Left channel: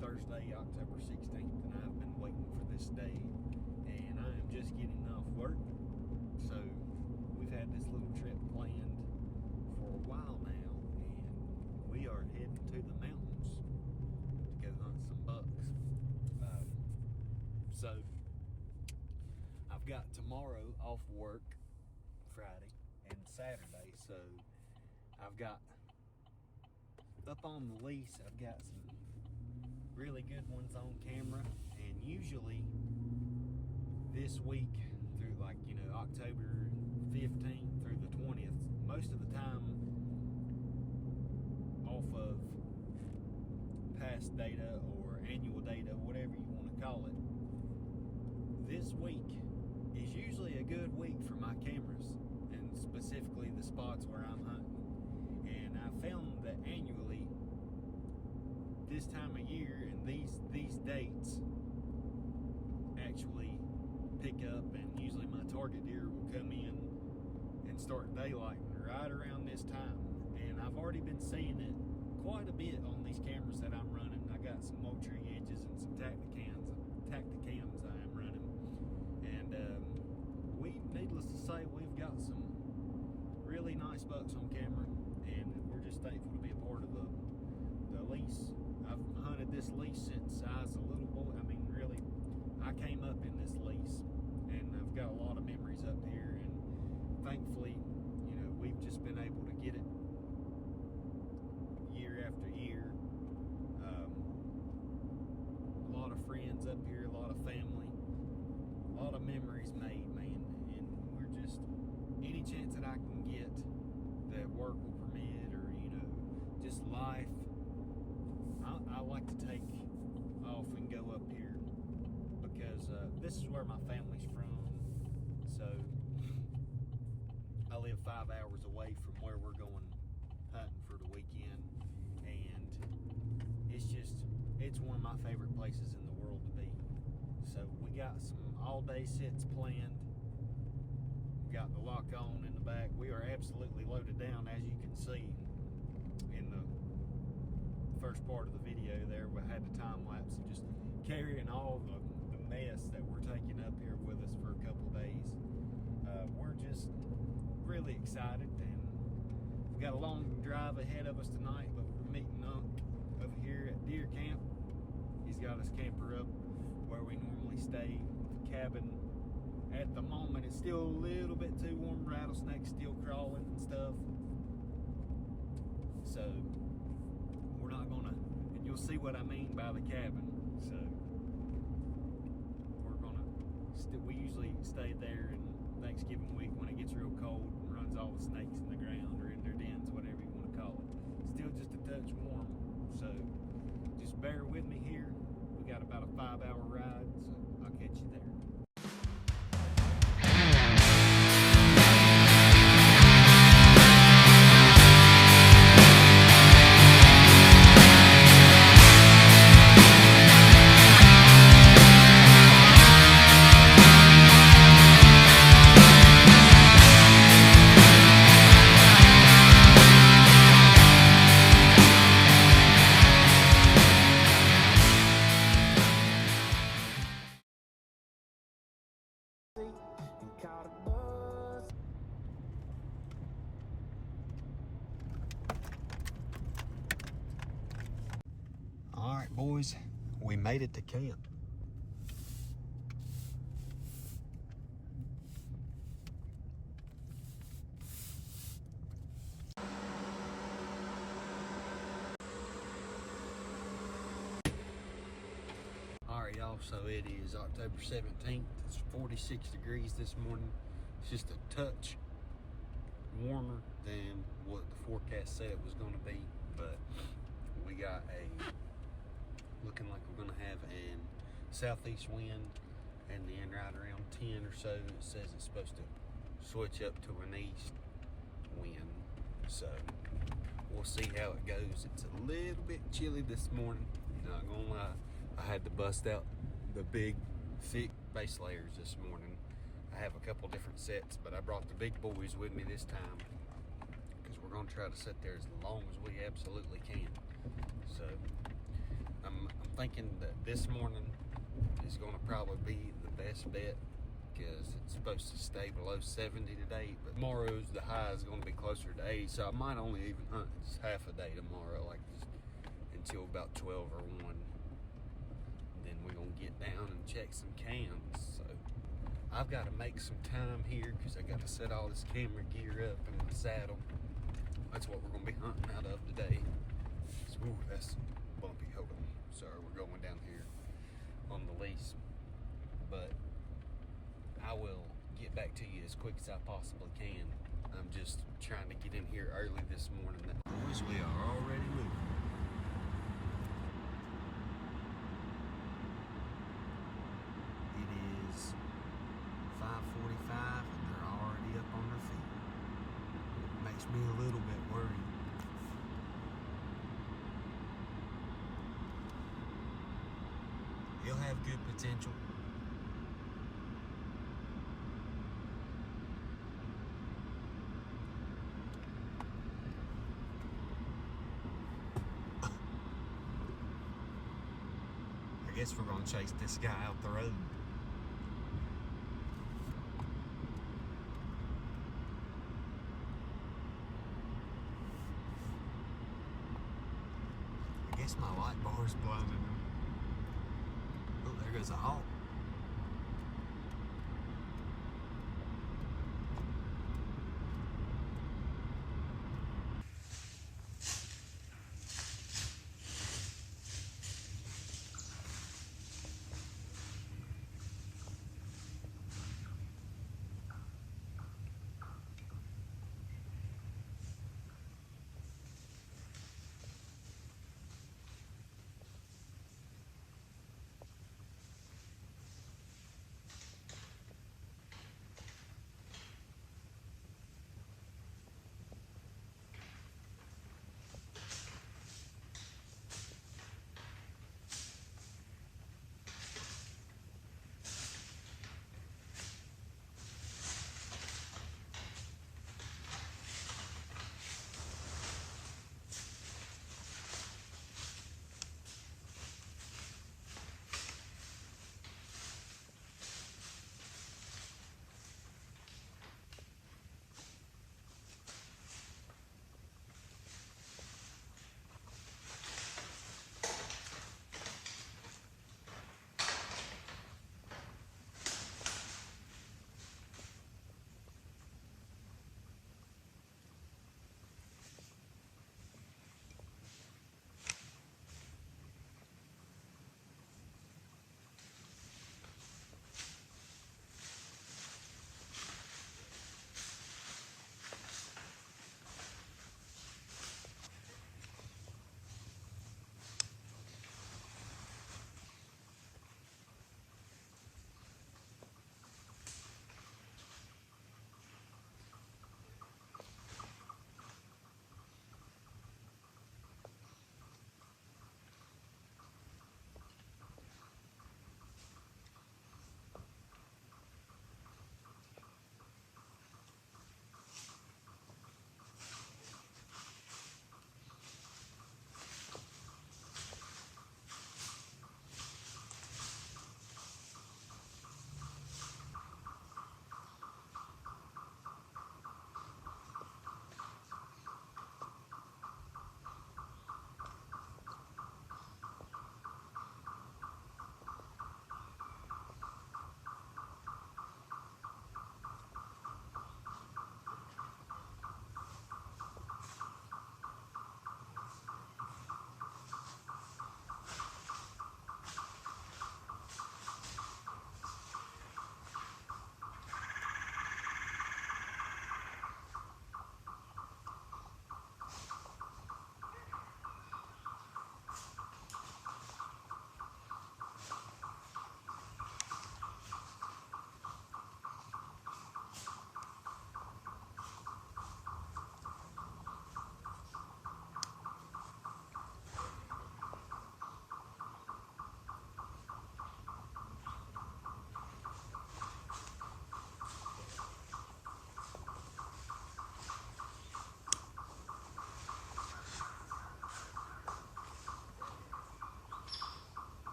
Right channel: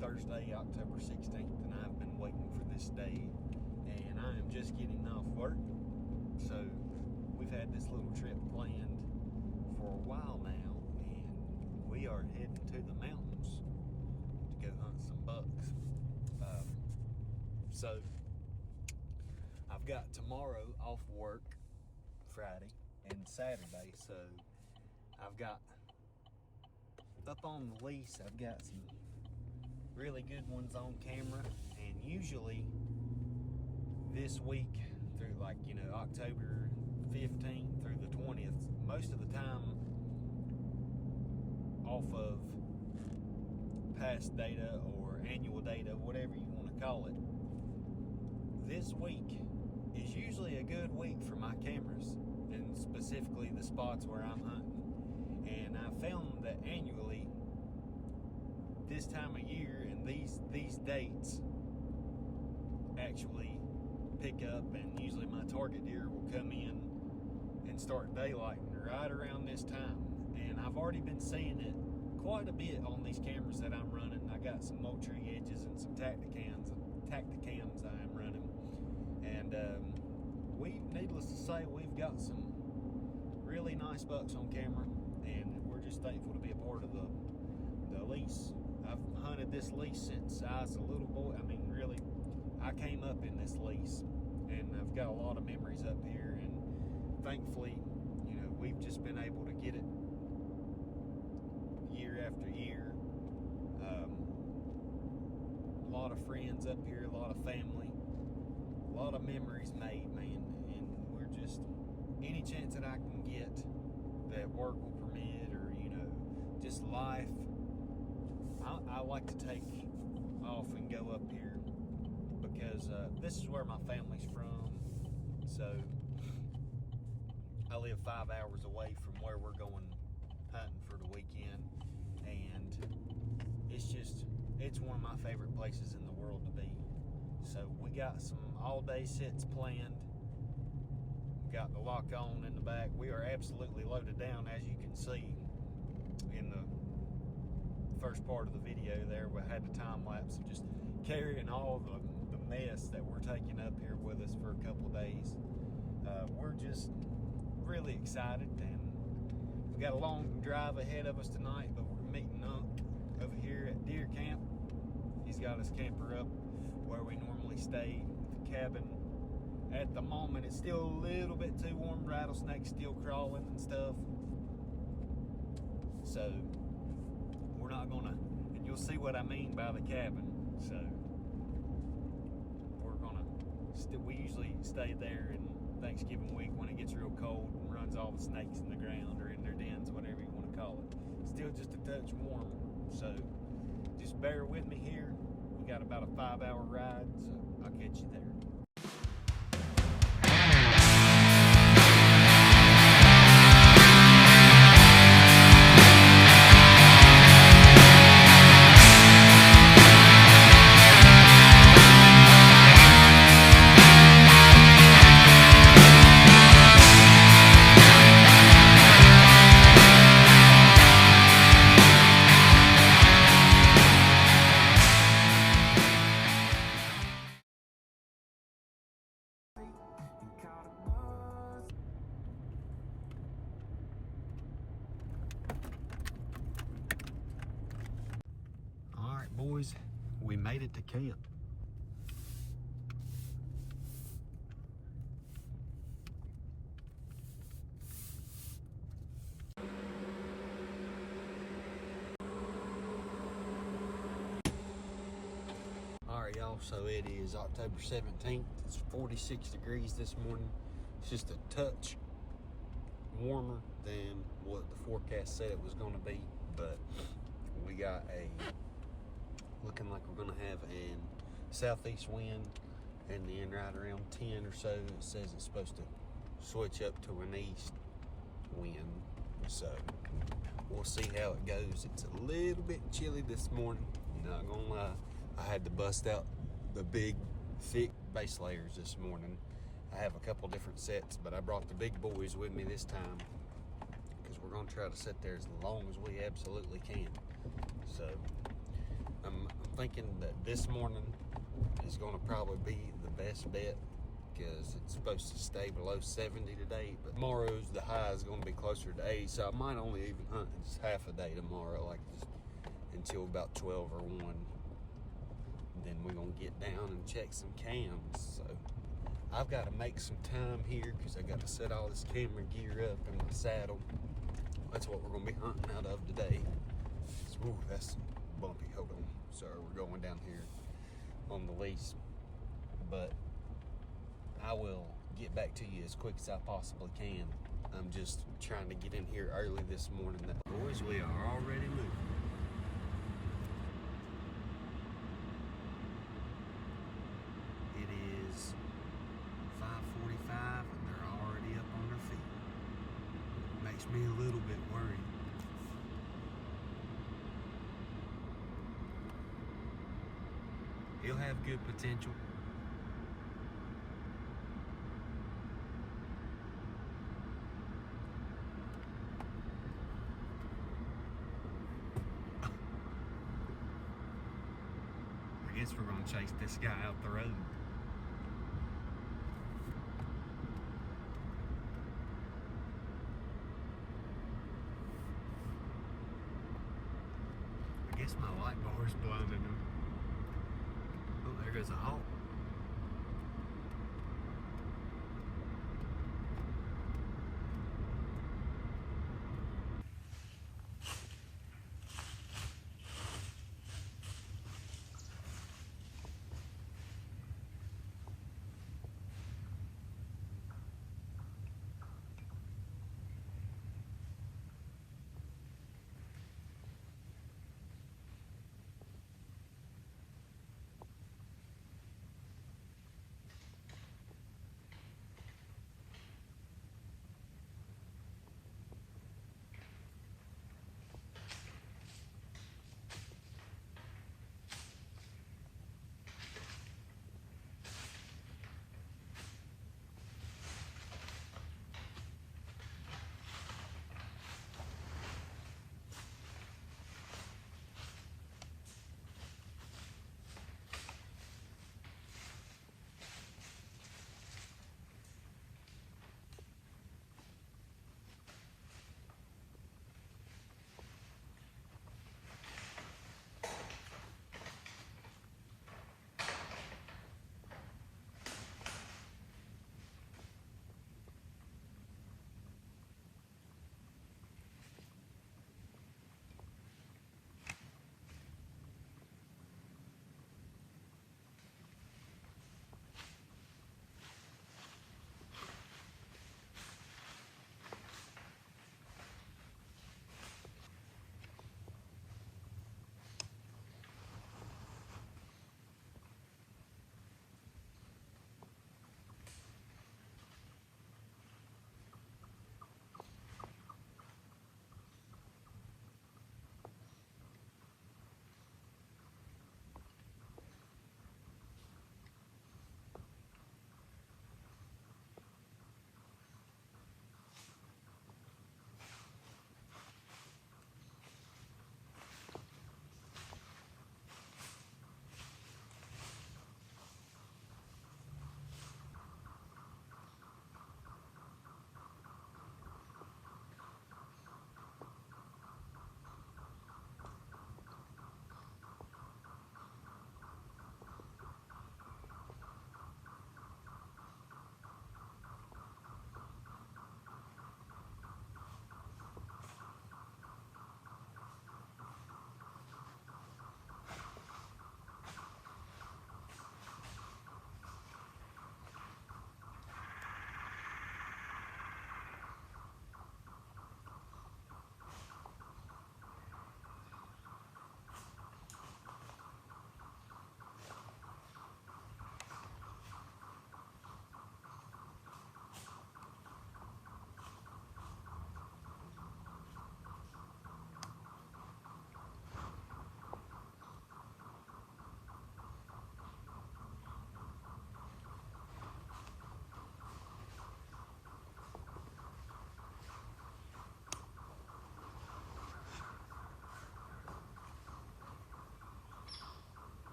Thursday, October 16th, and I've been waiting for this day, and I am just getting off work. So we've had this little trip planned for a while now, and we are heading to the mountains to go hunt some bucks. So I've got tomorrow off work, Friday and Saturday, so I've got up on the lease, I've got some really good ones on camera, and usually this week through October 15th through the 20th, most of the time off of past data or annual data, whatever you want to call it, this week is usually a good week for my cameras, and specifically the spots where I'm hunting. And I found that annually, this time of year and these dates actually pick up, and usually my target deer will come in and start daylighting right around this time. And I've already been seeing it quite a bit on these cameras that I'm running. I got some Moultrie Edges and some Tacticams I am running. And needless to say, we've got some really nice bucks on camera, and we're just thankful to be a part of the lease. I've hunted this lease since I was a little boy. I mean, really, I came up in this lease, and I've got a lot of memories up here, and thankfully, we've just been able to get it year after year. A lot of friends up here, a lot of family, a lot of memories made, man, and we're just, any chance that I can get that work will permit, or just life, I like to take off and go up here, because this is where my family's from. So I live 5 hours away from where we're going hunting for the weekend, and it's one of my favorite places in the world to be. So we got some all-day sits planned. Got the lock on in the back. We are absolutely loaded down, as you can see in the first part of the video there. We had the time lapse and just carrying all the mess that we're taking up here with us for a couple of days. We're just really excited, and we've got a long drive ahead of us tonight, but we're meeting up over here at Deer Camp. He's got his camper up where we normally stay. The cabin at the moment it's still a little bit too warm. Rattlesnakes still crawling and stuff, so we're not gonna, and you'll see what I mean by the cabin. So we're gonna we usually stay there in Thanksgiving week when it gets real cold and runs all the snakes in the ground or in their dens, whatever you want to call it. Still just a touch warm, so just bear with me here. We got about a 5-hour ride, so I'll catch you there. All right, boys, we made it to camp. All right, y'all, so it is October 17th. It's 46 degrees this morning. It's just a touch warmer than what the forecast said it was going to be, but we got looking like we're going to have an southeast wind, and then right around 10 or so it says it's supposed to switch up to an east wind. So we'll see how it goes. It's a little bit chilly this morning, not gonna lie. I had to bust out the big thick base layers this morning. I have a couple different sets, but I brought the big boys with me this time because we're going to try to sit there as long as we absolutely can. So I'm thinking that this morning is going to probably be the best bet because it's supposed to stay below 70 today. But tomorrow's the high is going to be closer to 8, so I might only even hunt just half a day tomorrow, like until about 12 or 1. Then we're going to get down and check some cams. So I've got to make some time here because I got to set all this camera gear up in my saddle. That's what we're going to be hunting out of today. So, ooh, that's bumpy. Hold on. Sorry, we're going down here on the lease. But I will get back to you as quick as I possibly can. I'm just trying to get in here early this morning. Boys, we are already moving. It is 5:45 and they're already up on their feet. Makes me a little bit worried. He'll have good potential. I guess we're gonna chase this guy out the road. I guess my light bar's blowing in him. Oh, there goes a hawk.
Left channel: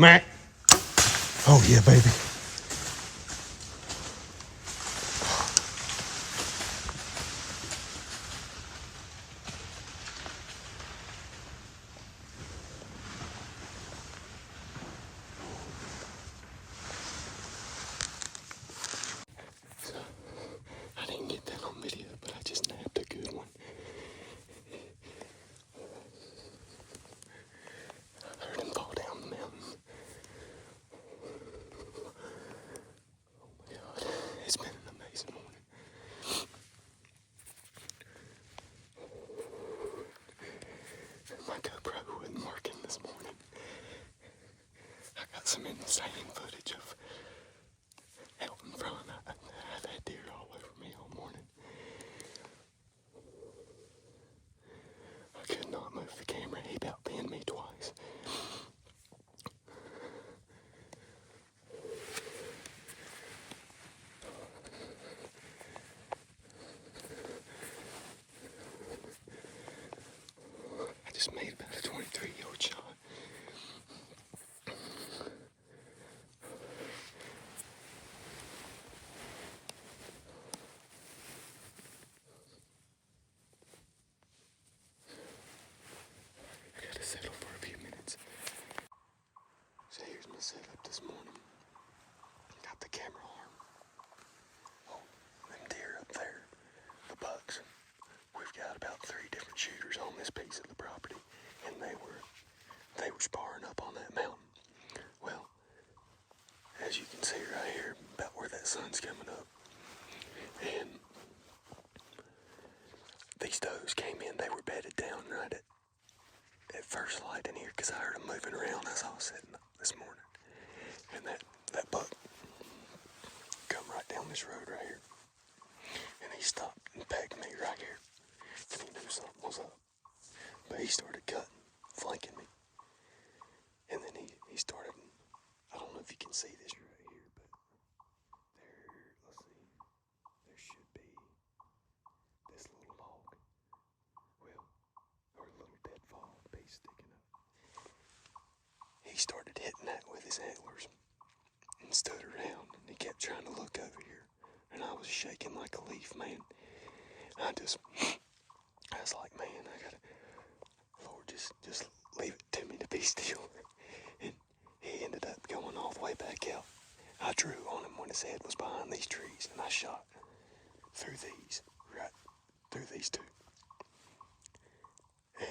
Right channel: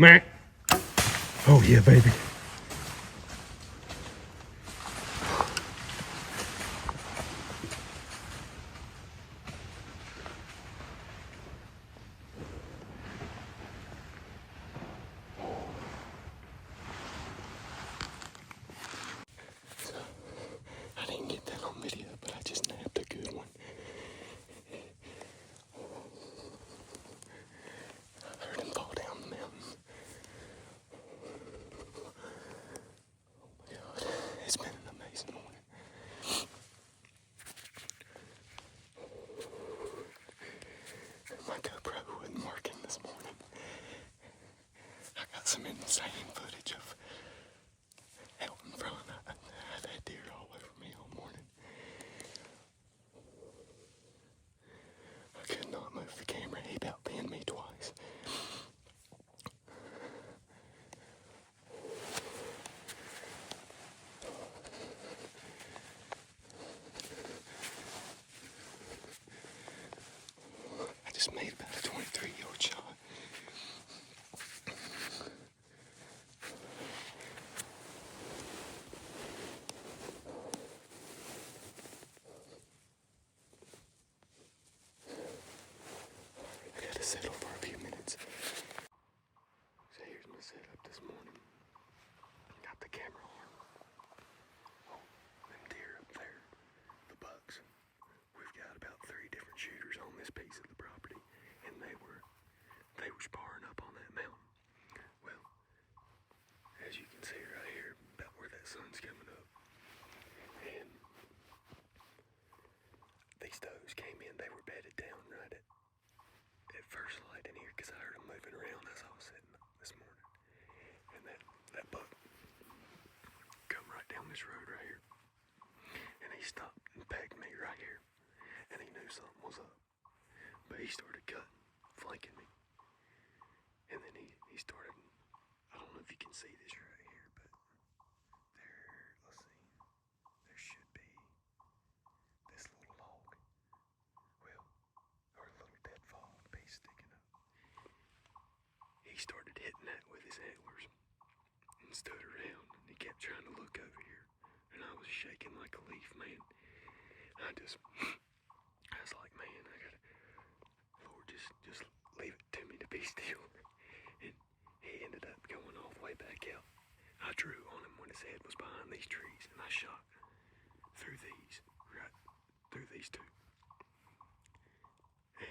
Mac. Oh yeah, baby. I didn't get that on video, but I just nabbed a good one. I heard him fall down the mountain. Oh my God, it's been an amazing morning. My GoPro wasn't working this morning. I got some insane footage of out in front. I've had deer all over me all morning. I could not move the camera. He about pinned me twice. I just made about a 23-yard shot. I gotta settle for a few minutes. So here's my setup this morning. Got the camera arm. Oh, them deer up there. The bucks. We've got about 3 different shooters on this piece of the property, and they were sparring up on that mountain. Well, as you can see right here, about where that sun's coming up, and these does came in. They were bedded down right at first light in here because I heard them moving around as I was setting up this morning, and that buck come right down this road right here, and he stopped and pegged me right here, and he knew something was up. But he started cutting, flanking me. And then he started, I don't know if you can see this right here, but let's see, there should be this little log, well, or a little deadfall piece sticking up. He started hitting that with his antlers and stood around, and he kept trying to look over here. And I was shaking like a leaf, man. I was like, man, Lord, just leave it to me to be still. And he ended up going all the way back out. I drew on him when his head was behind these trees, and I shot through these, right through these two. And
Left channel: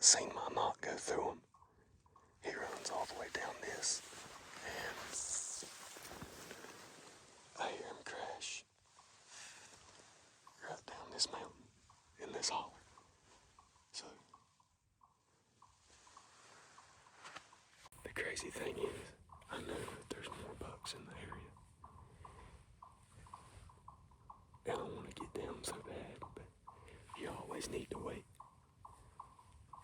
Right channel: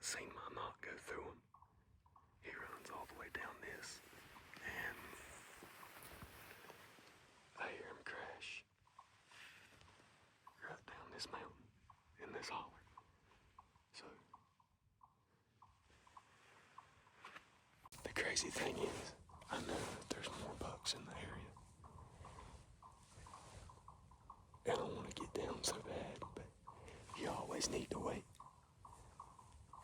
seen my knot go through him. He runs all the way down this, and I hear him crash right down this mountain in this holler. So the crazy thing is, I know that there's more bucks in the area, and I want to get down so bad, but you always need to wait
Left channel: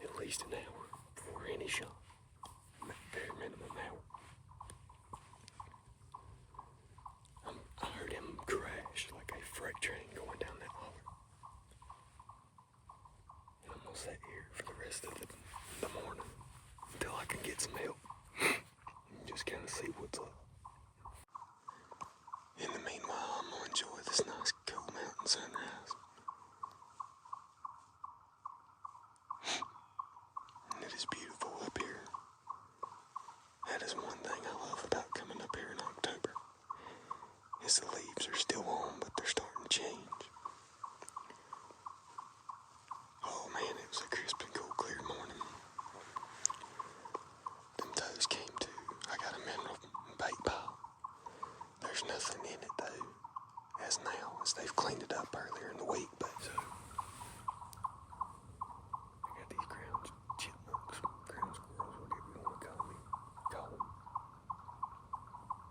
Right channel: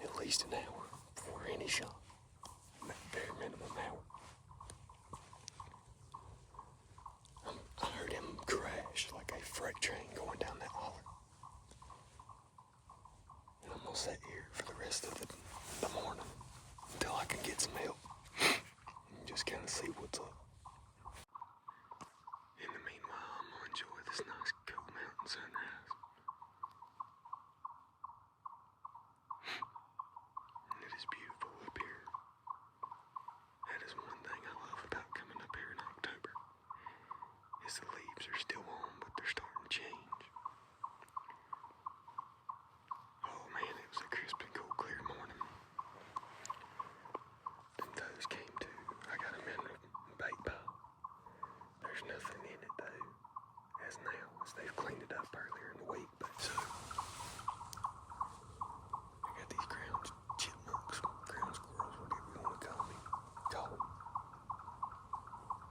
at least an hour before any shot. Bare minimum hour. I heard him crash like a freight train going down that hollow. And I'm gonna sit here for the rest of the morning until I can get some help and just kind of see what's up. In the meanwhile, I'm gonna enjoy this nice cool mountain sunrise. And it is beautiful up here. That is one thing I love about coming up here in October, is the leaves are still on, but they're starting to change. Oh man, it was a crisp and cool, clear morning. Them toes came to. I got a mineral bait pile. There's nothing in it though, as now, as they've cleaned it up earlier in the week, but so. I got these ground chipmunks, ground squirrels, whatever you want to call them.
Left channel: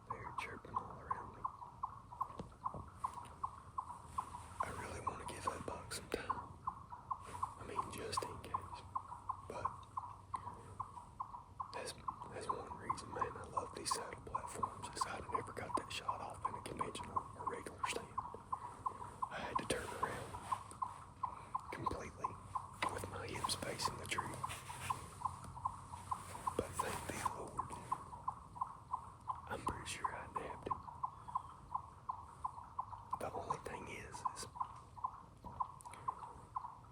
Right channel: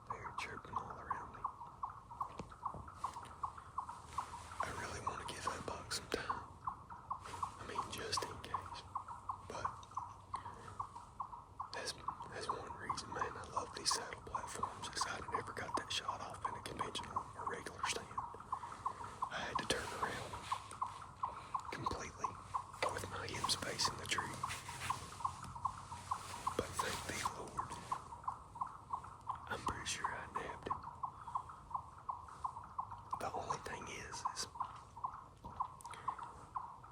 They're chirping all around me. I really want to give that buck some time. I mean, just in case. But that's one reason, man, I love these saddle platforms, is I never got that shot off in a conventional or regular stand. I had to turn around completely with my hips facing the tree. is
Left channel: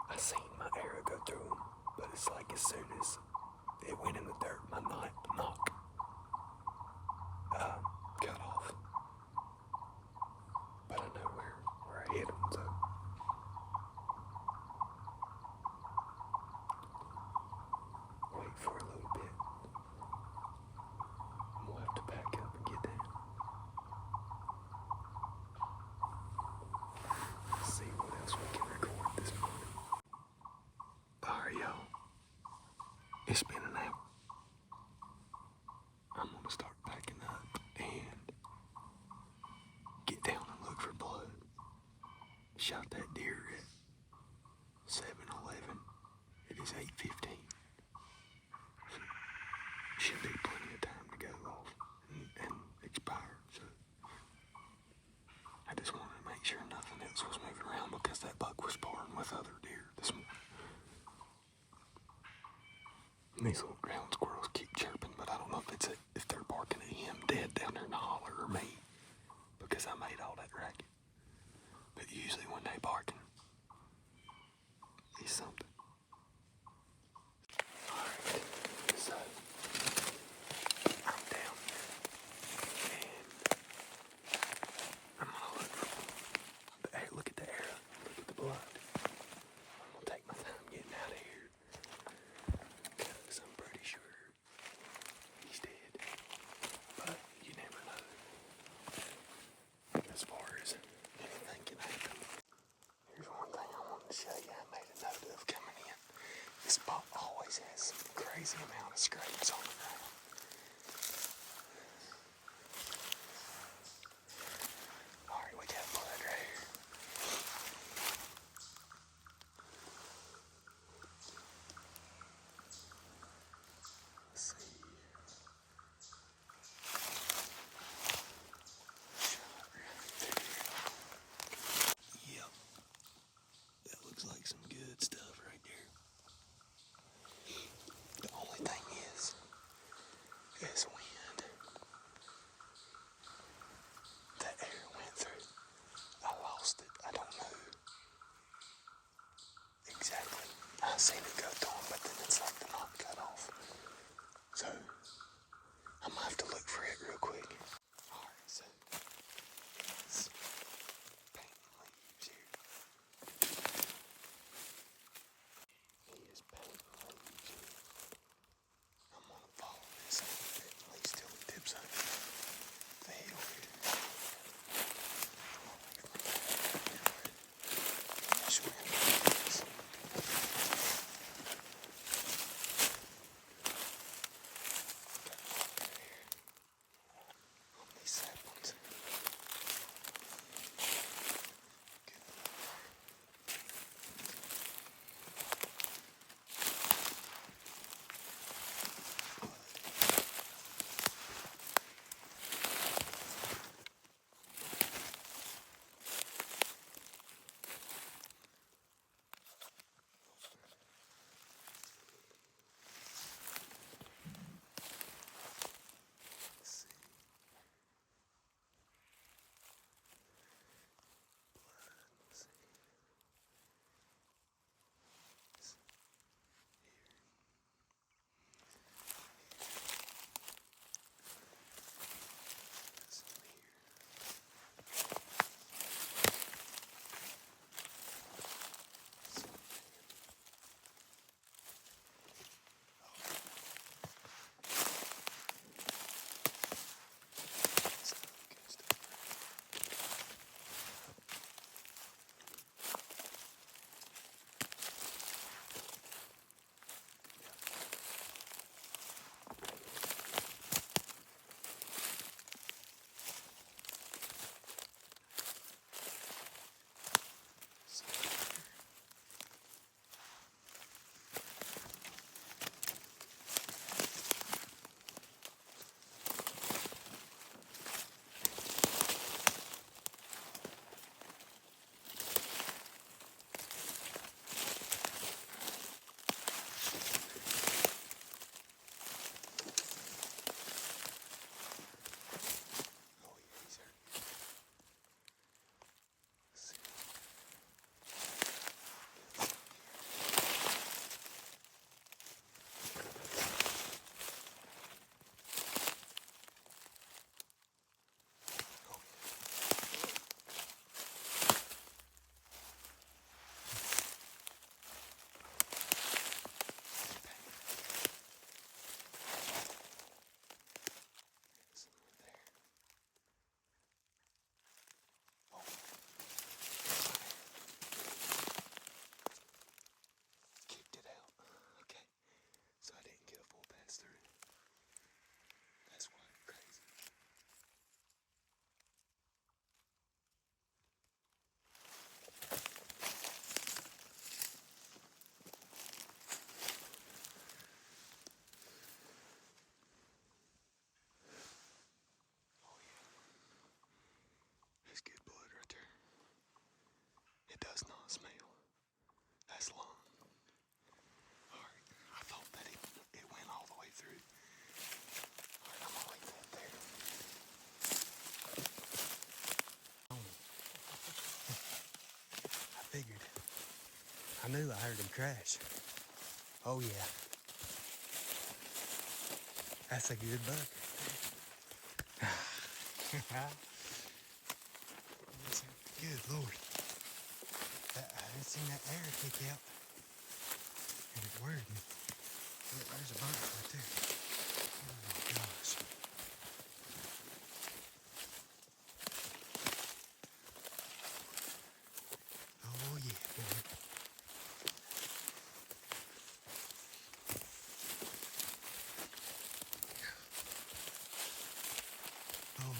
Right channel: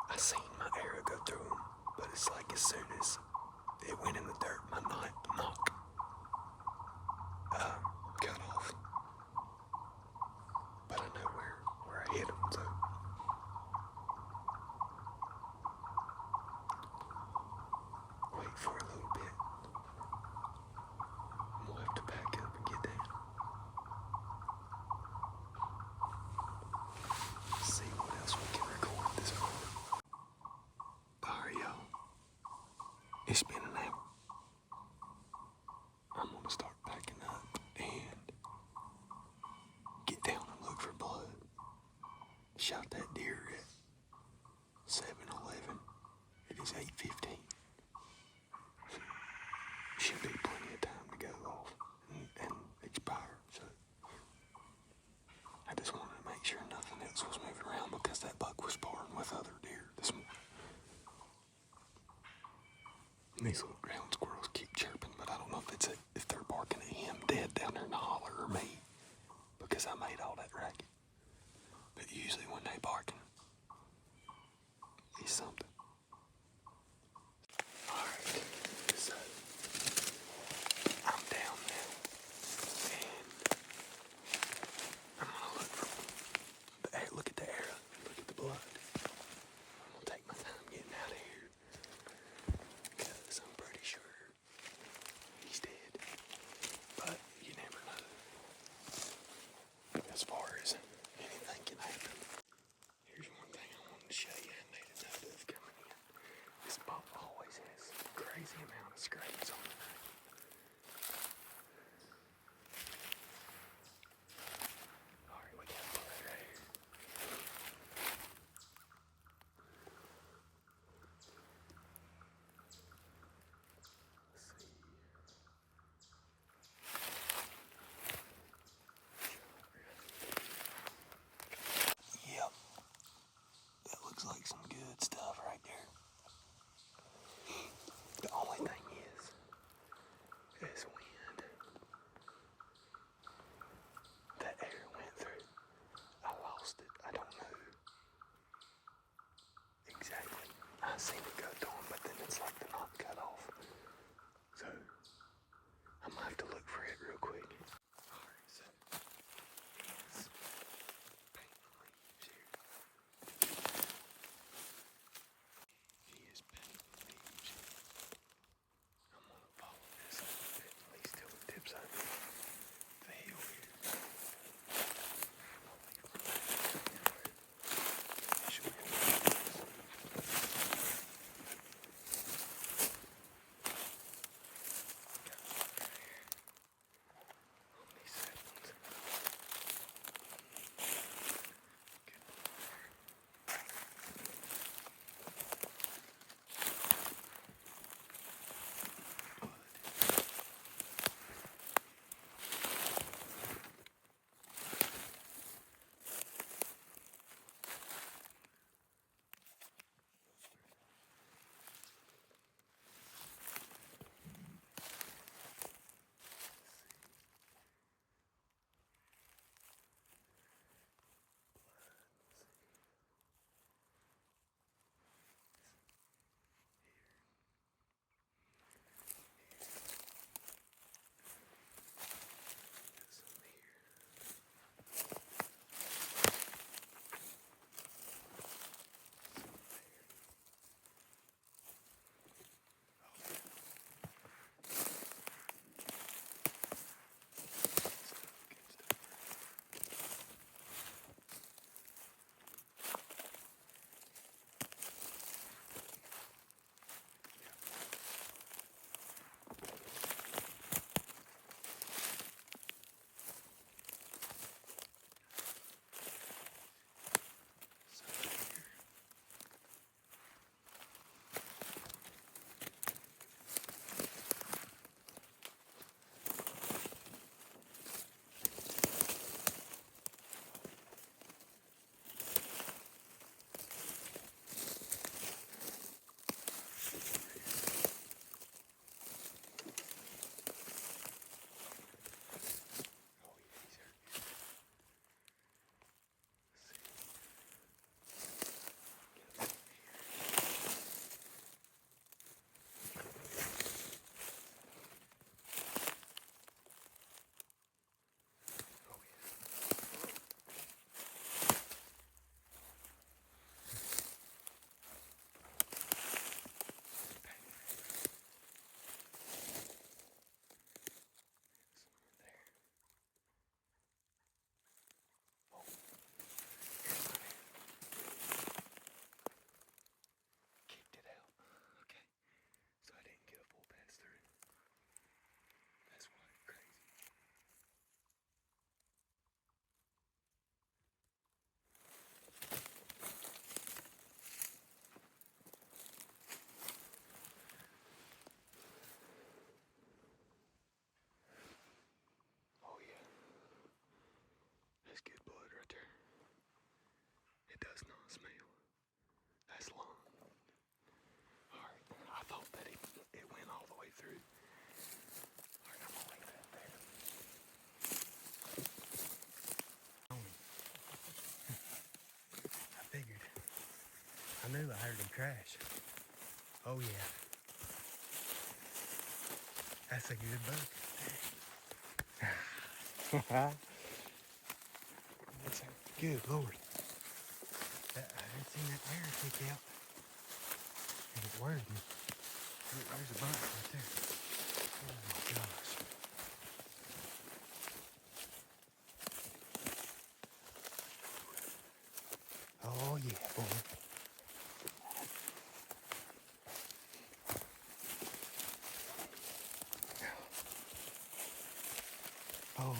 I seen my arrow go through him, but it's like as soon as it went in the dirt, my knock cut off. But I know where I hit him, so. Wait for a little bit. We'll have to back up and get down. See what else we can record this morning. Alright, y'all. It's been an hour. I'm gonna start packing up and get down and look for blood. Shot that deer at 7-Eleven. It is 8:15. Should be plenty of time to go off and expire, so I just wanted to make sure nothing else was moving around because that buck was sparring with other deer this morning. And these little ground squirrels keep chirping, but I don't know if they're barking at him dead down there in the holler or me, because I made all that racket. But usually when they barking, it's something. Alright, so I'm down there, and I'm gonna look for the arrow. Look at the arrow, look at the blood. I'm gonna take my time getting out of here, because I'm pretty sure he's dead. But you never know. As far as anything can happen. Here's one thing I wanted to show you I made a note of coming in. This spot always has some crazy amount of scrapes on the ground. Alright, we got blood right here. Let's see. Yep. That looks like some good stuff right there. The only thing is when that arrow went through, I lost it. I don't know exactly. I seen it go through him, but then it's like the knot cut off. So I'm gonna have to look for it real quick. Alright, so it's painting leaves here. He is painting leaves here. I'm gonna follow this painting leaves till it tips over the hill here. That's not a smell. That's long. All right, I thought that it went all the way through. All right, I'm gonna leave that there. I figured. I knew I heard them crash. Oh yeah. That's a good buck. Good Lord. I didn't see that air kick out. And it worried me. Look, there's a bunch right there. Oh my gosh. Oh yeah, boy. Oh.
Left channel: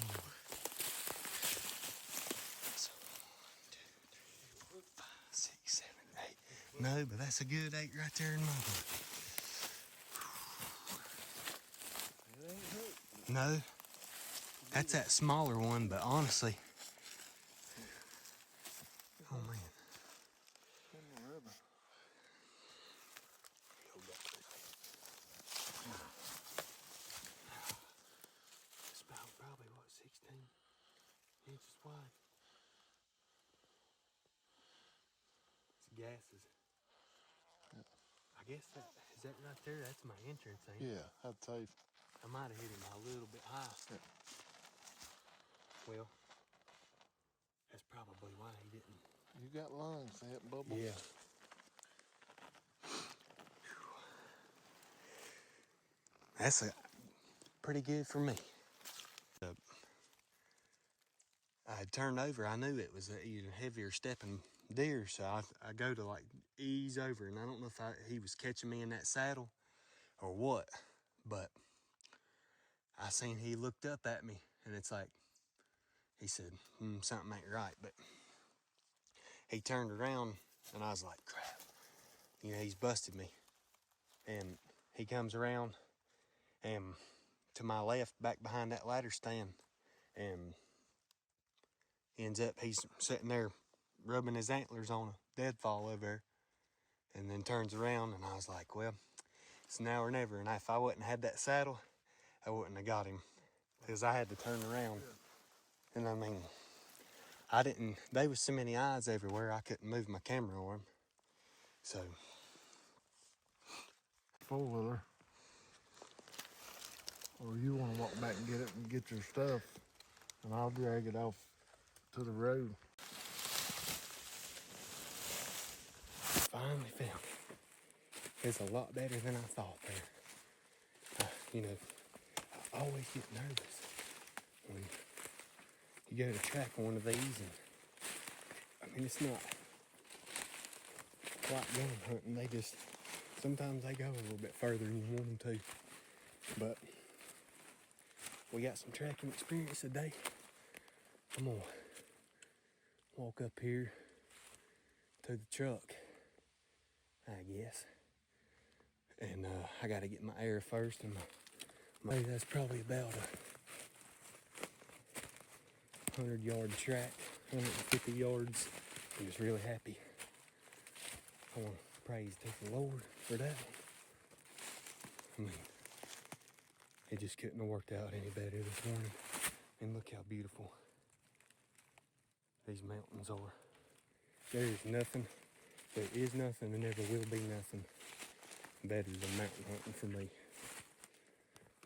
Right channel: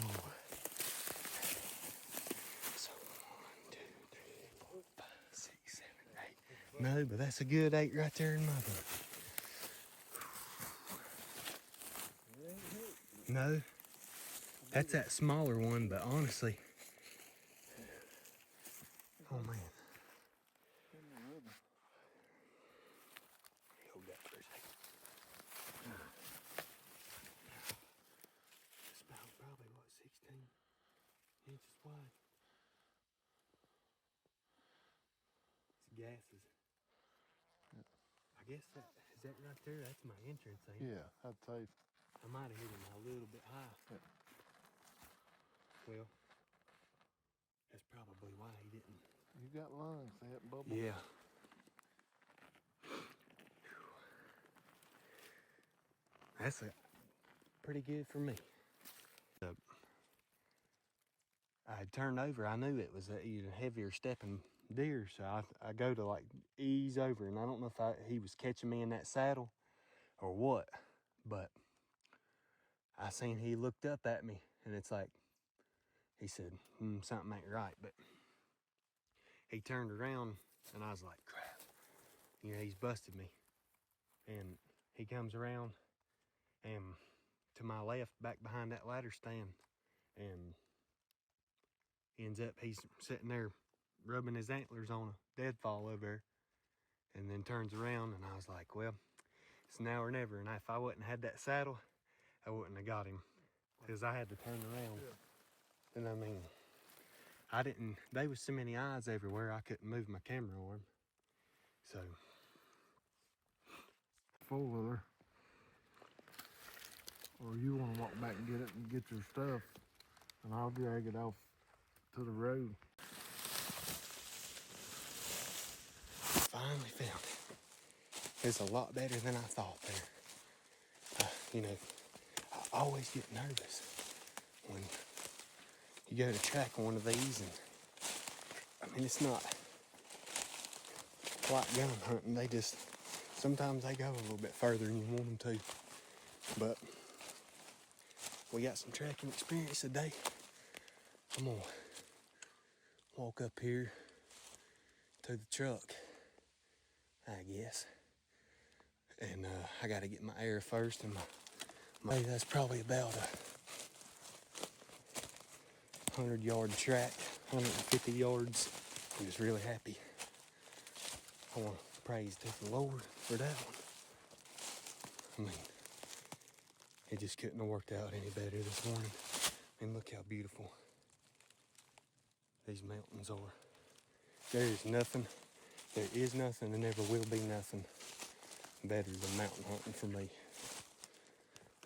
So, 1, 2, 3, 4, 5, 6, 7, 8. No, but that's a good 8 right there in my book. No, that's that smaller one, but honestly, oh man. It's about probably what, 16 inches wide. It's gases. I guess is that right there? That's my entrance, ain't it? Yeah, I'd say. I might have hit him a little bit high. Yeah. Well, that's probably why he didn't. You got lungs, that bubble. Yeah. That's pretty good for me. I turned over. I knew it was a heavier stepping deer, so I go to like ease over, and I don't know if he was catching me in that saddle or what, but I seen he looked up at me, and it's like he said, something ain't right. But he turned around, and I was like, crap, he's busted me. And he comes around, and to my left, back behind that ladder stand, and ends up he's sitting there rubbing his antlers on a deadfall over there, and then turns around, and I was like, well, it's now or never. And if I wouldn't had that saddle, I wouldn't have got him, because I had to turn around. And I mean, there was so many eyes everywhere, I couldn't move my camera on him. So. 4-wheeler. Or you want to walk back and get it and get your stuff, and I'll drag it off to the road. Finally found it. It's a lot better than I thought there. I always get nervous when you go to track one of these, and I mean, it's not like gun hunting. Sometimes they go a little bit further than you want them to. But we got some tracking experience today. I'm gonna walk up here to the truck, I guess. And I gotta get my air first, and that's probably about a 100-yard track, 150 yards. I'm just really happy. I want to praise to the Lord for that one. I mean, it just couldn't have worked out any better this morning. And look how beautiful these mountains are. There is nothing, and never will be nothing better than mountain hunting for me.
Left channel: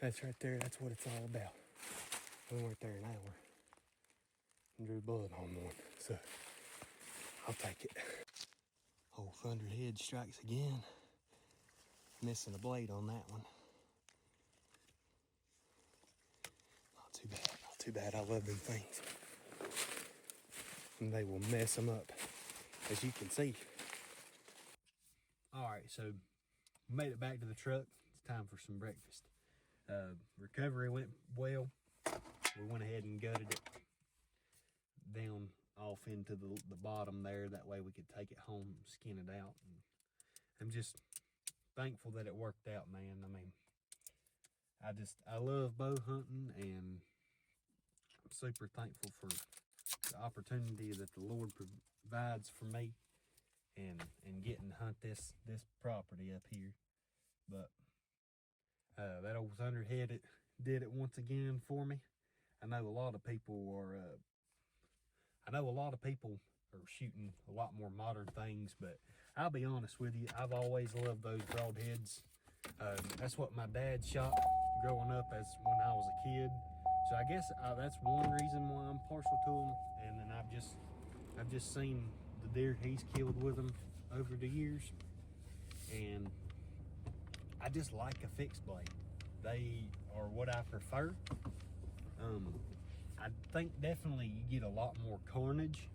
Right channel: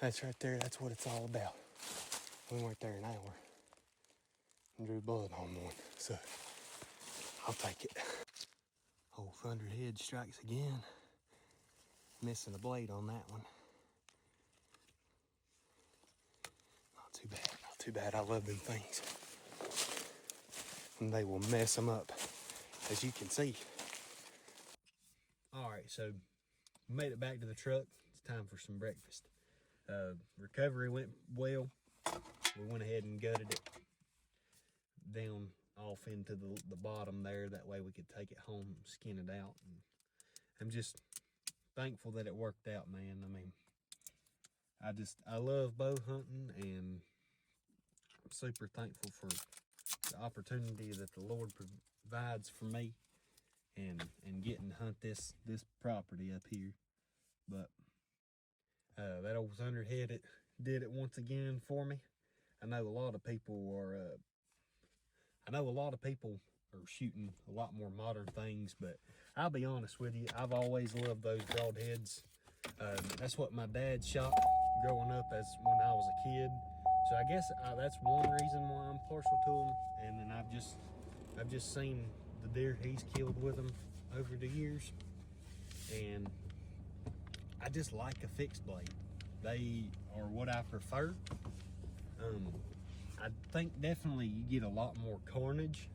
That's right there, that's what it's all about. We went there an hour and drew blood on one, so I'll take it. Old thunderhead strikes again. Missing a blade on that one. Not too bad. I love them things. And they will mess them up, as you can see. All right, so made it back to the truck. It's time for some breakfast. Recovery went well. We went ahead and gutted it down off into the bottom there. That way we could take it home and skin it out. And I'm just thankful that it worked out, man. I mean, I love bow hunting, and I'm super thankful for the opportunity that the Lord provides for me and getting to hunt this property up here. But that old thunderhead did it once again for me. I know a lot of people are shooting a lot more modern things, but I'll be honest with you, I've always loved those broadheads. That's what my dad shot growing up as when I was a kid. So I guess that's one reason why I'm partial to them. And then I've just seen the deer he's killed with them over the years, and I just like a fixed blade. They are what I prefer. I think definitely you get a lot more carnage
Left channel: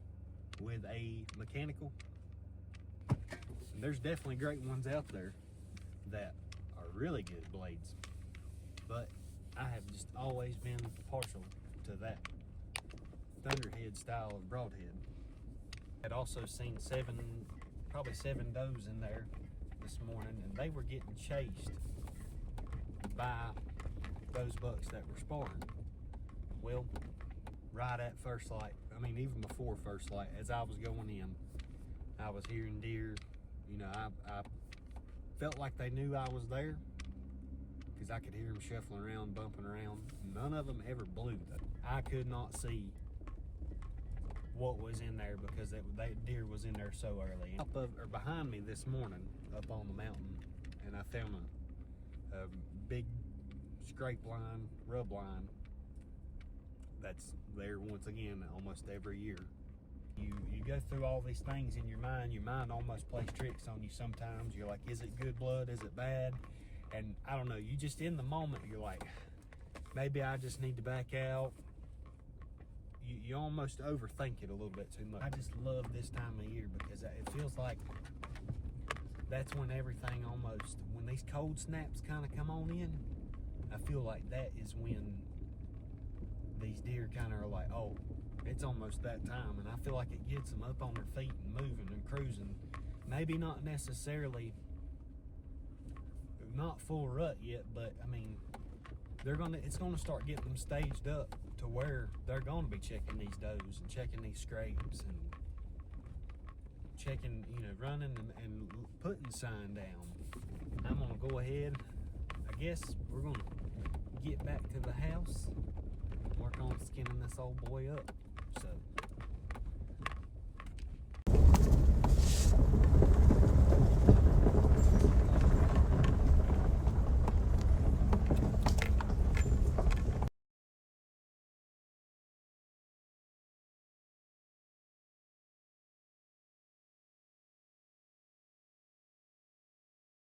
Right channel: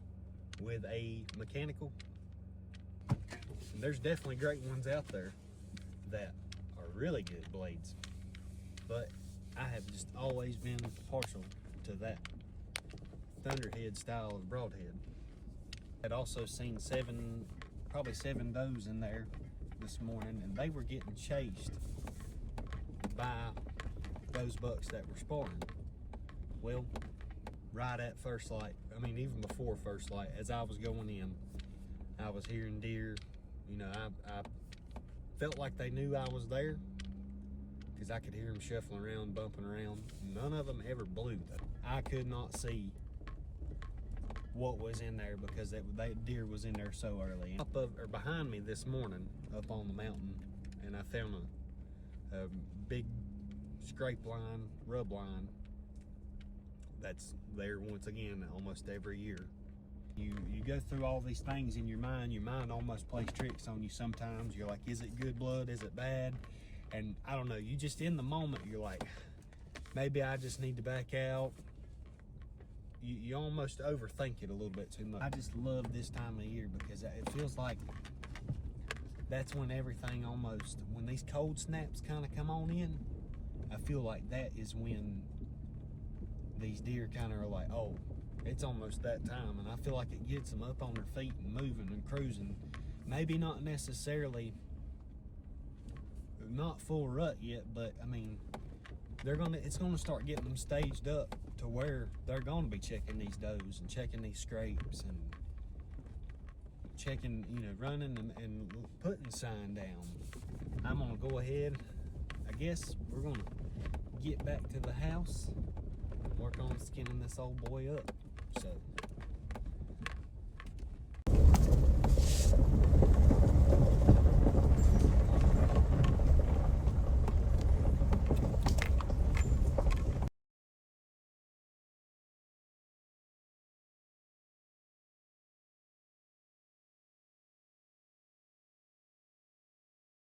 with a mechanical. And there's definitely great ones out there that are really good blades, but I have just always been partial to that thunderhead style of broadhead. I'd also seen probably seven does in there this morning, and they were getting chased by those bucks that were sparring. Well, right at first light, I mean even before first light, as I was going in, I was hearing deer. You know, I felt like they knew I was there because I could hear them shuffling around, bumping around. None of them ever blew though. I could not see what was in there because that deer was in there so early. Behind me this morning, up on the mountain, and I found a big scrape line, rub line that's there once again almost every year. You go through all these things in your mind almost plays tricks on you sometimes. You're like, is it good blood, is it bad? And I don't know, you just in the moment, you're like, maybe I just need to back out. You almost overthink it a little bit too much. I just love this time of year because it feels like that's when everything when these cold snaps kind of come on in, I feel like that is when these deer kind of are like, oh, it's almost that time. And I feel like it gets them up on their feet and moving and cruising. Maybe not necessarily, not full rut yet, but I mean, it's gonna start getting them staged up to where they're gonna be checking these does and checking these scrapes and checking, running and putting sign down. I'm gonna go ahead, I guess we're gonna get back to the house, work on skinning this old boy up. So